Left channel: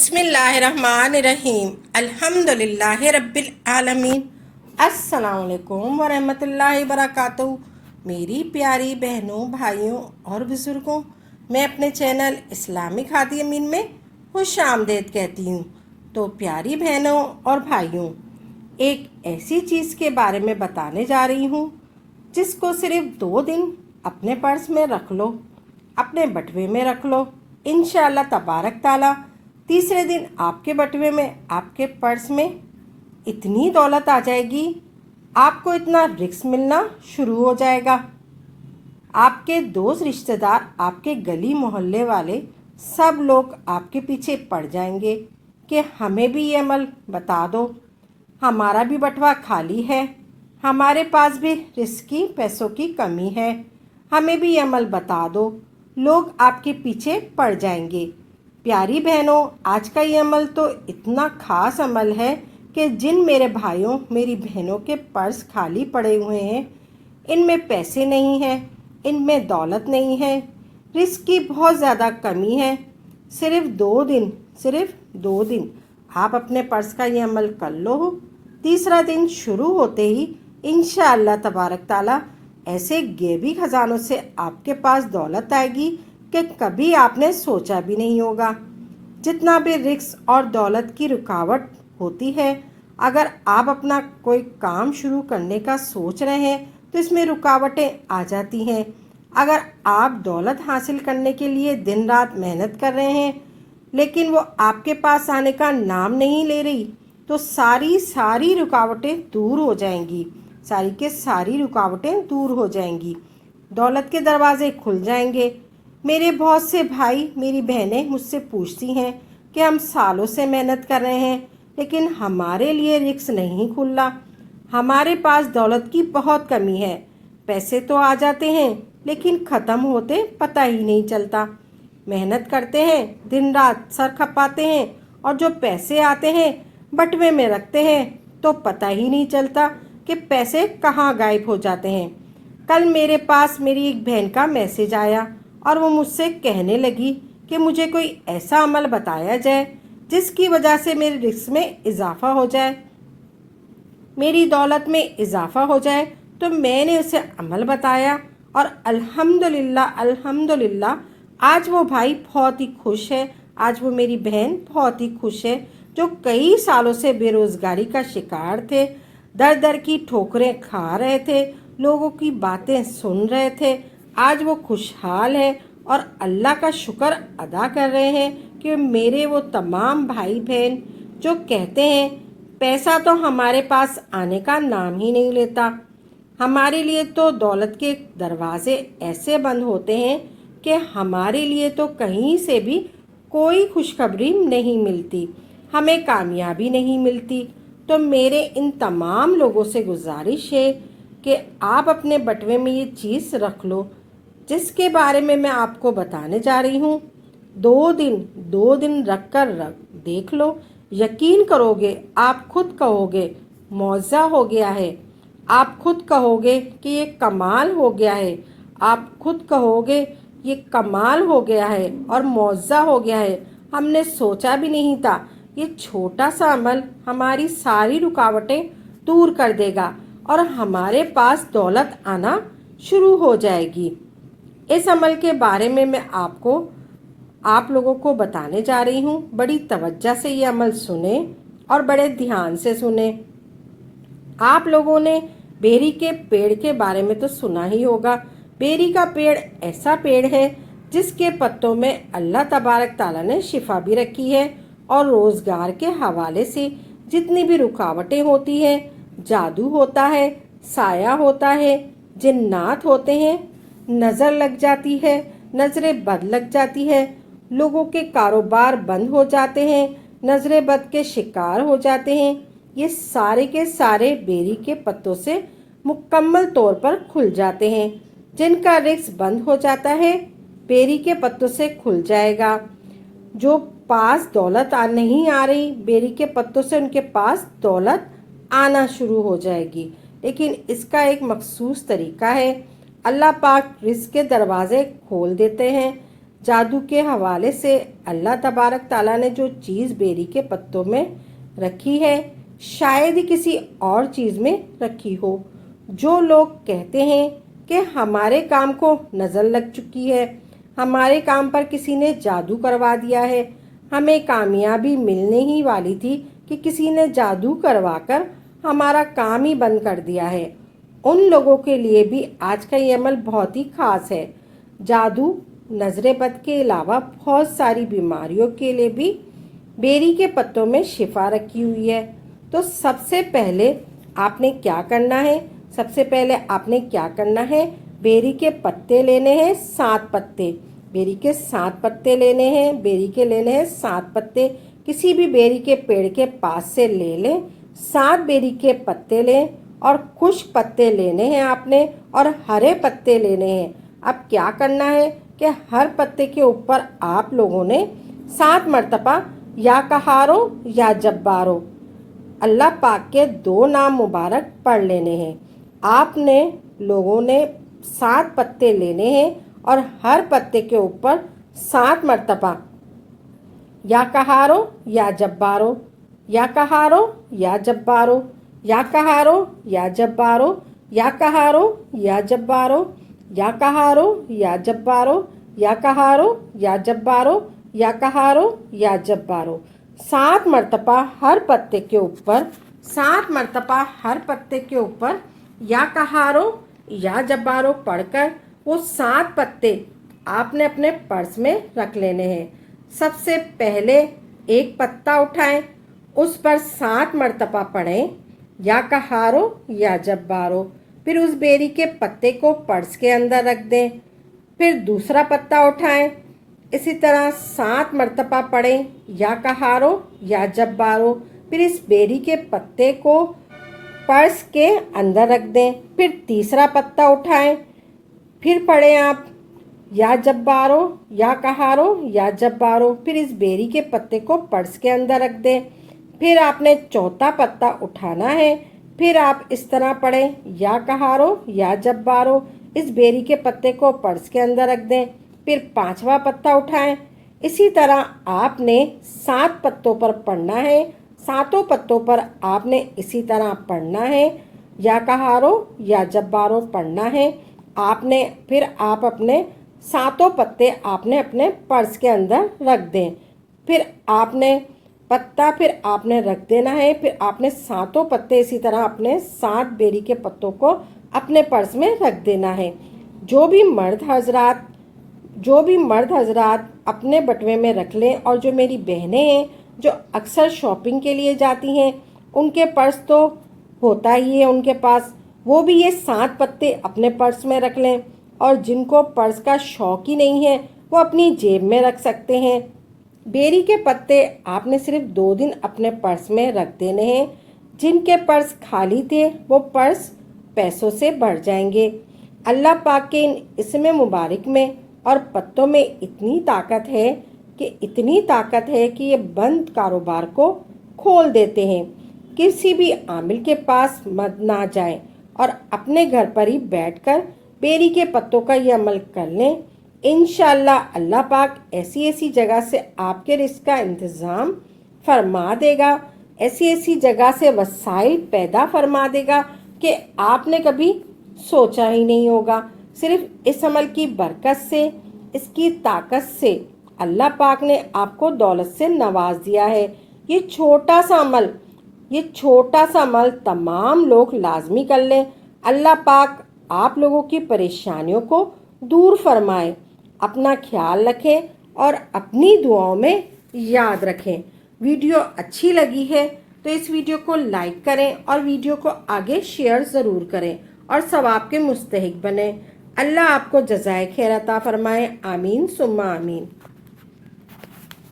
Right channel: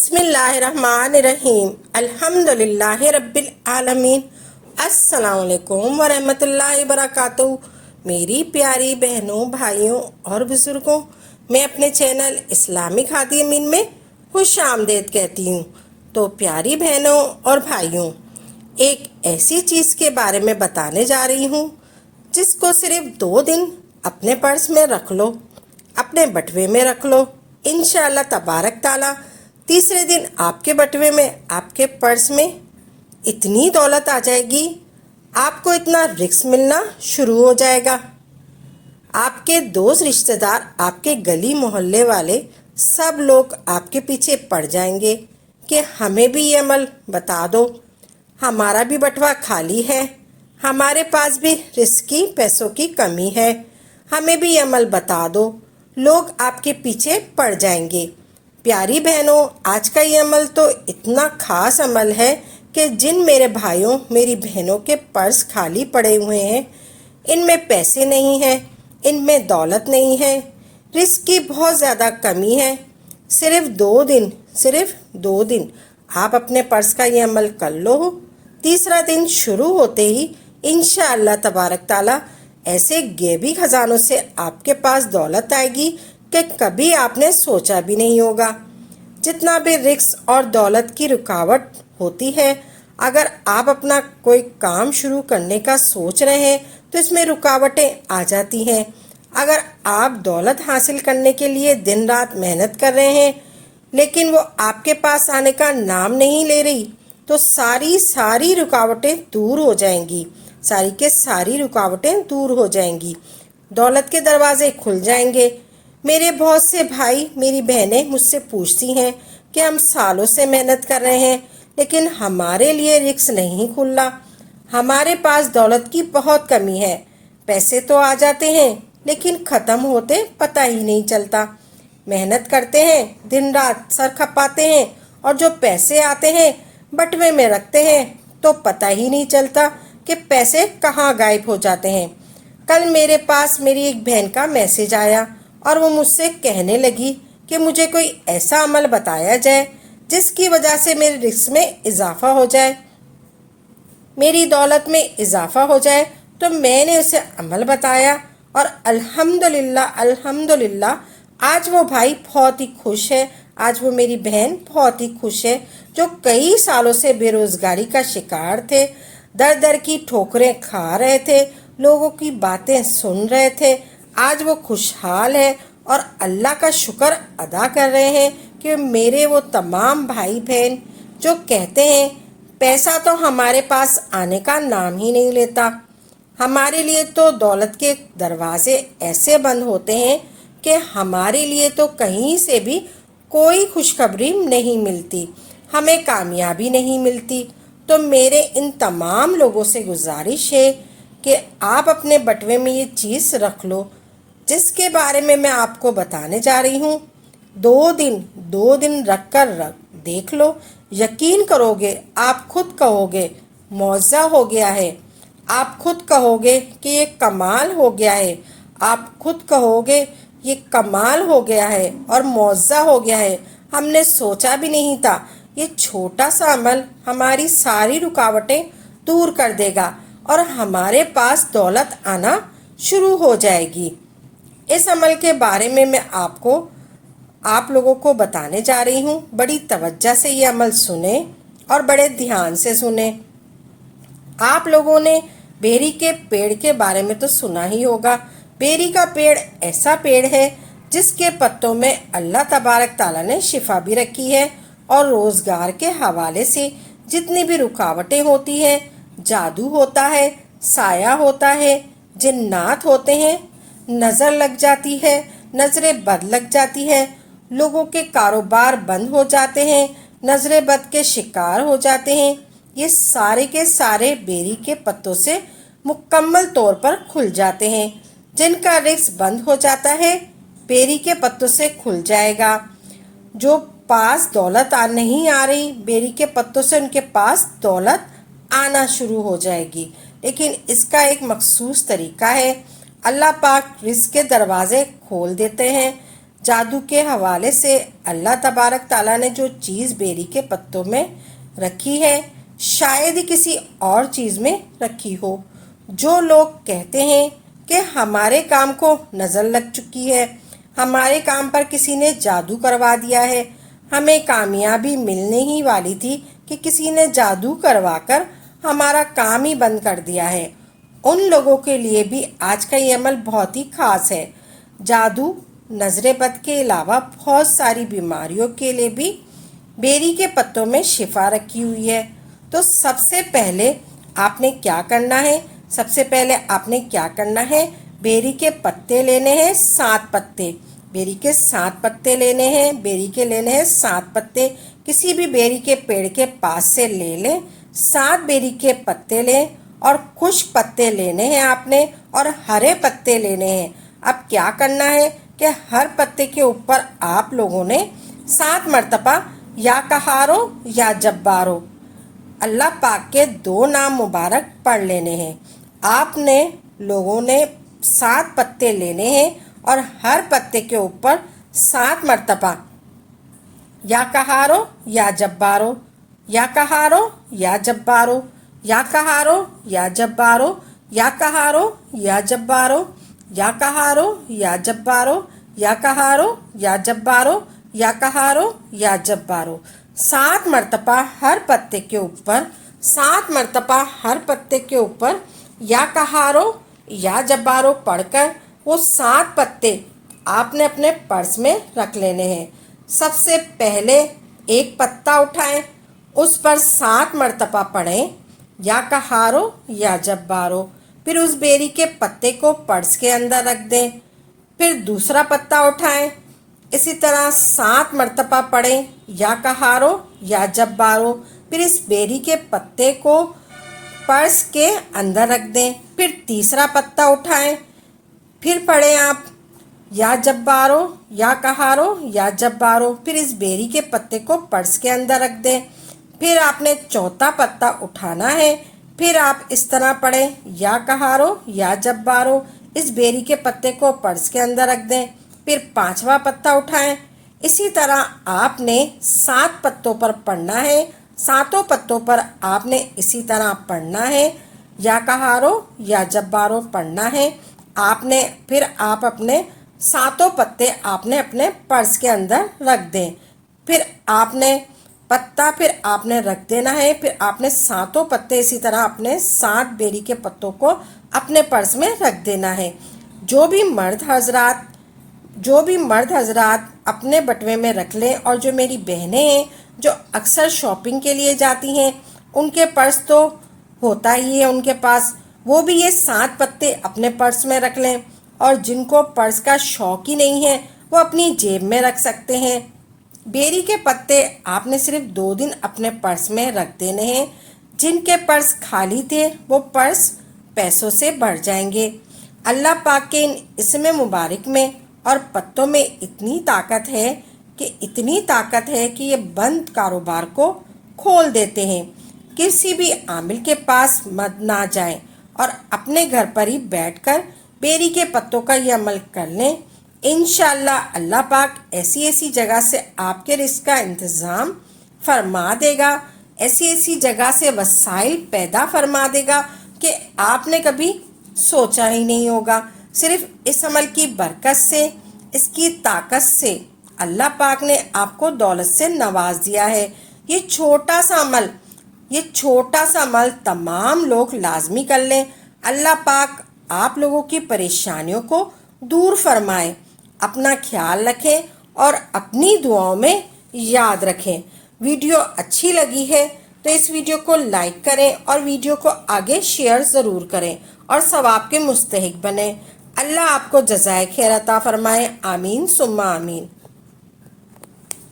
बिस्मिल्लाहिर्रहमानिर्रहीम अल्हम्दुलिल्लाहि रब्बिल आलमीन। अस्सलाम वालेकुम वरहमतुल्लाहि वबरकातुहू। मेरी प्यारी बहनों, भाइयों और बुज़ुर्गों, मैं अपने चैनल इस्लामिक हादी अमीन में खुश आमदेद कहती हूँ। तो प्यारी बहनों और भाइयों, एक ऐसी चीज़ के बारे में बताने जा रही हूँ जिसको सिर्फ 2 दिन अपने पर्स में रख लो, अपने बटुए में रख लो। इंशाअल्लाह तबारक ताला तीसरे दिन आपके बटुए में, आपके पर्स में इतनी दौलत आ जाएगी, आपको इतना रिस्क मिलना शुरू हो जाएगा। आपके दोस्त, रिश्तेदार, आपके गली मोहल्ले वाले सब लोग आपके पीछे पड़ जाएंगे कि हमें भी ये अमल बता दो, हमारा भी बटुआ खाली है, हमारे पास भी रिस्क की पैसों की कमी है, हमें भी ये अमल बता दो। लोग आपके पीछे पड़ जाएंगे। प्यारी बहनों, आज का ये अमल तो इतना खास अमल है कि जिन मेरे भाइयों, मेरी बहनों के पर्स खाली पड़े हुए हैं, इनमें पैसे नहीं हैं, इनमें दौलत नहीं है, रिस्क की बहुत ज़्यादा कमी है, सिर्फ 2 दिन आप अपने पर्स का ये अमल कर लो। तीसरा दिन शुरू होते ही इंशाअल्लाह तबारक ताला ऐसे गैबी खजानों से आपके पास दौलत आएगी कि कभी आपने सोचा भी नहीं होगा। जितना भी रिस्क और दौलत की रुकावट होती है, अगर आप अपना कोई काम शुरू करने का सोच रहे हैं तो इसमें रुकावटें आ जाती हैं। अगर आप दौलत हासिल करने के लिए दिन रात मेहनत कर रहे हैं लेकिन वो आपके पास आने का नाम नहीं ले रही, तो सारी रुकावटें दूर हो जाएंगी, सारी रुकावटें दूर हो जाएंगी, दौलत के दरवाजे खुल जाएंगे। मेरे बहुत से भाई, मेरी बहनें मुझसे पूछती हैं कि हम सालों से मेहनत कर रहे हैं लेकिन हमारे लिए रिस्क नहीं खुल रहा, हमारे पास दौलत की बहुत कमी है, पैसे तो आ जाते हैं लेकिन ख़त्म होते पता ही नहीं चलता। मेहनत करते हैं, दिन रात सर खपाते हैं और जो पैसे आते हैं बटुए में रखते हैं तो पता ही नहीं चलता कि पैसे कहाँ गायब हो जाते हैं। कल मेरे पास मेरी एक बहन का मैसेज आया और वो मुझसे कहने लगी कि मुझे कोई ऐसा अमल बताया जाए जिसकी वजह से मेरे रिस्क में इजाफा हो जाए, मेरी दौलत में इजाफा हो जाए। तो मैंने उसे अमल बताया और अल्हम्दुलिल्लाह आज वो भाई बहुत ही खुश है, आज वो मेरी बहन बहुत ही खुश है। जो कई सालों से बेरोजगारी का शिकार थे, दर की ठोकरें खा रहे थे, लोगों की बातें सुन रहे थे, आज वो खुशहाल है और अल्लाह का शुक्र अदा कर रहे हैं कि मेरे वो तमाम भाई बहन जो कहते हैं पैसा तो हमारे पास आने का नाम ही नहीं लेता, हमारे लिए तो दौलत के दरवाजे ऐसे बंद होते हैं कि हमारे लिए तो कहीं से भी कोई खुशखबरी नहीं मिलती, हमें कामयाबी नहीं मिलती। तो मेरे इन तमाम लोगों से गुजारिश है कि आप अपने बटुए में ये चीज़ रख लो जिसके बारे में मैं आपको बताने जा रही हूँ। 2 दिन रख देख लो, यकीन करोगे, आप खुद कहोगे मौजा हो गया है, आप खुद कहोगे कि ये कमाल हो गया है, आप खुद कहोगे ये कमाल हो गया है और मौजा हो गया है, हमने सोचा भी नहीं था। ये छोटा सा अमल हमारी सारी रुकावटें दूर कर देगा और हमारे पास दौलत आना शुरू हो जाएगी। इस अमल के बारे में मैं आप लोगों को बताने जा रही हूँ। बड़ी तवज्जो से ये अमल सुने और बड़े ध्यान से सुने। आप लोगों ने बेरी के पेड़ के बारे में तो सुना ही होगा। बेरी का पेड़ ऐसा पेड़ है जिसके पत्तों में अल्लाह तबारक ताला ने शिफा भी रखी है और रोज़गार के हवाले से जितनी भी रुकावटें होती हैं, जादू होता है, साया होता है, जिन्नात होते हैं, नज़र लग जाती है, नज़रें बद लग जाती है, लोगों के कारोबार बंद हो जाते हैं, नज़रें बद के शिकार हो जाते हैं, ये सारे के सारे बेरी के पत्तों से मुकम्मल तौर पर खुल जाते हैं। जिनका रिस्क बंद हो जाता है बेरी के पत्तों से खुल जाएगा। जो पास दौलत नहीं आ रही, बेरी के पत्तों से उनके पास दौलत आना शुरू हो जाएगी। लेकिन इसका एक मखसूस तरीका है। अल्लाह पाक रिस्क के दरवाजे खोल देते हैं। جادو کے حوالے سے اللہ تبارک تعالیٰ نے جو چیز بیری کے پتوں میں رکھی ہے شاید ہی کسی اور چیز میں رکھی ہو۔ جو لوگ کہتے ہیں کہ ہمارے کام کو نظر لگ چکی ہے، ہمارے کام پر کسی نے جادو کروا دیا ہے، ہمیں کامیابی ملنے ہی والی تھی کہ کسی نے جادو کروا کر ہمارا کام ہی بند کر دیا ہے، ان لوگوں کے لیے بھی آج کا یہ عمل بہت ہی خاص ہے۔ جادو، نظر بد کے علاوہ بہت ساری بیماریوں کے لیے بھی بیری کے پتوں میں شفا رکھی ہوئی ہے۔ تو سب سے پہلے آپ نے کیا کرنا ہے؟ بیری کے پتے لینے ہیں 7 پتے، بیری کے 7 پتے لینے ہیں، 7 پتے کسی بھی بیری کے پیڑ کے پاس سے لے لیں، 7 بیری کے پتے لیں اور خشک پتے لینے ہیں آپ نے اور ہرے پتے لینے ہیں۔ اب کیا کرنا ہے کہ ہر پتے کے اوپر آپ لوگوں نے 7 مرتبہ یا قہارو یا جبارو اللہ پاک کے 2 نام مبارک پڑھ لینے ہیں۔ آپ نے لوگوں نے 7 پتے لینے ہیں اور ہر پتے کے اوپر 7 مرتبہ یا قہارو یا جبارو، یا قہارو یا جبارو، یا قہارو یا جبارو، یا قہارو یا جبارو، یا قہارو یا جبارو، یا قہارو یا جبارو، یا قہارو یا جبارو 7 مرتبہ ہر پتے کے اوپر، 7 مرتبہ ہر پتے کے اوپر یا قہارو یا جبارو پڑھ کر وہ 7 پتے آپ نے اپنے پرس میں رکھ لینے ہیں۔ سب سے پہلے ایک پتا اٹھائیں، اس پر 7 مرتبہ پڑھیں یا قہارو یا جبارو، پھر اس بیری کے پتے کو پرس کے اندر رکھ دیں۔ پھر دوسرا پتا اٹھائیں، اسی طرح 7 مرتبہ پڑھیں یا قہارو یا جبارو، پھر اس بیری کے پتے کو پرس کے اندر رکھ دیں۔ پھر تیسرا پتا اٹھائیں، پھر پڑھیں آپ یا جبارو یا قہارو یا جبارو، پھر اس بیری کے پتے کو پرس کے اندر رکھ دیں۔ پھر آپ نے چوتھا پتا اٹھانا ہے، پھر آپ اس طرح پڑھیں یا قہارو یا جبارو، اس بیری کے پتے کو پرس کے اندر رکھ دیں۔ پھر 5واں پتا اٹھائیں، اسی طرح آپ نے 7 پتوں پر پڑھنا ہے، 7 پتوں پر آپ نے اسی طرح پڑھنا ہے یا قہارو یا جبارو پڑھنا ہے۔ آپ نے پھر آپ اپنے 7 پتے آپ نے اپنے پرس کے اندر رکھ دیں، پھر آپ نے پتا پھر آپ نے رکھ دینا ہے، پھر آپ نے 7 پتے اسی طرح اپنے 7 بیری کے پتوں کو اپنے پرس میں رکھ دینا ہے۔ جو بھی مرد حضرات اپنے بٹوے میں رکھ لیں، اور جو میری بہنیں ہیں جو اکثر شاپنگ کے لیے جاتی ہیں ان کے پرس تو ہوتا ہی ہے ان کے پاس، وہ بھی یہ 7 پتے اپنے پرس میں رکھ لیں، اور جن کو پرس کا شوق ہی نہیں ہے وہ اپنی جیب میں رکھ سکتے ہیں۔ بیری کے پتے آپ نے صرف 2 دن اپنے پرس میں رکھ دینے ہیں، جن کے پرس خالی تھے وہ پرس پیسوں سے بھر جائیں گے۔ اللہ پاک کے ان اسم مبارک میں اور پتوں میں اتنی طاقت ہے کہ یہ بند کاروبار کو کھول دیتے ہیں۔ کسی بھی عامل کے پاس مت نہ جائیں اور اپنے گھر پر ہی بیٹھ کر بیری کے پتوں کا یہ عمل کر لیں، انشاءاللہ اللہ پاک ایسی جگہ سے آپ کے رزق کا انتظام فرما دے گا، ایسی جگہ سے وسائل پیدا فرما دے گا کہ آپ نے کبھی سوچا ہی نہیں ہوگا۔ صرف اس عمل کی برکت سے، اس کی طاقت سے اللہ پاک نے آپ کو دولت سے نواز دیا ہے۔ یہ چھوٹا سا عمل تمام لوگ لازمی کر لیں، اللہ پاک آپ لوگوں کی پریشانیوں کو دور فرمائے۔ اپنا خیال رکھیں اور اپنی دعاؤں میں یاد رکھیں۔ ویڈیو اچھی لگی ہے تو اس ویڈیو کو لائک کریں اور ویڈیو کو آگے شیئر ضرور کریں اور ثواب کے مستحق بنیں۔ اللہ آپ کو جزائے خیر عطا فرمائے، آمین ثم آمین۔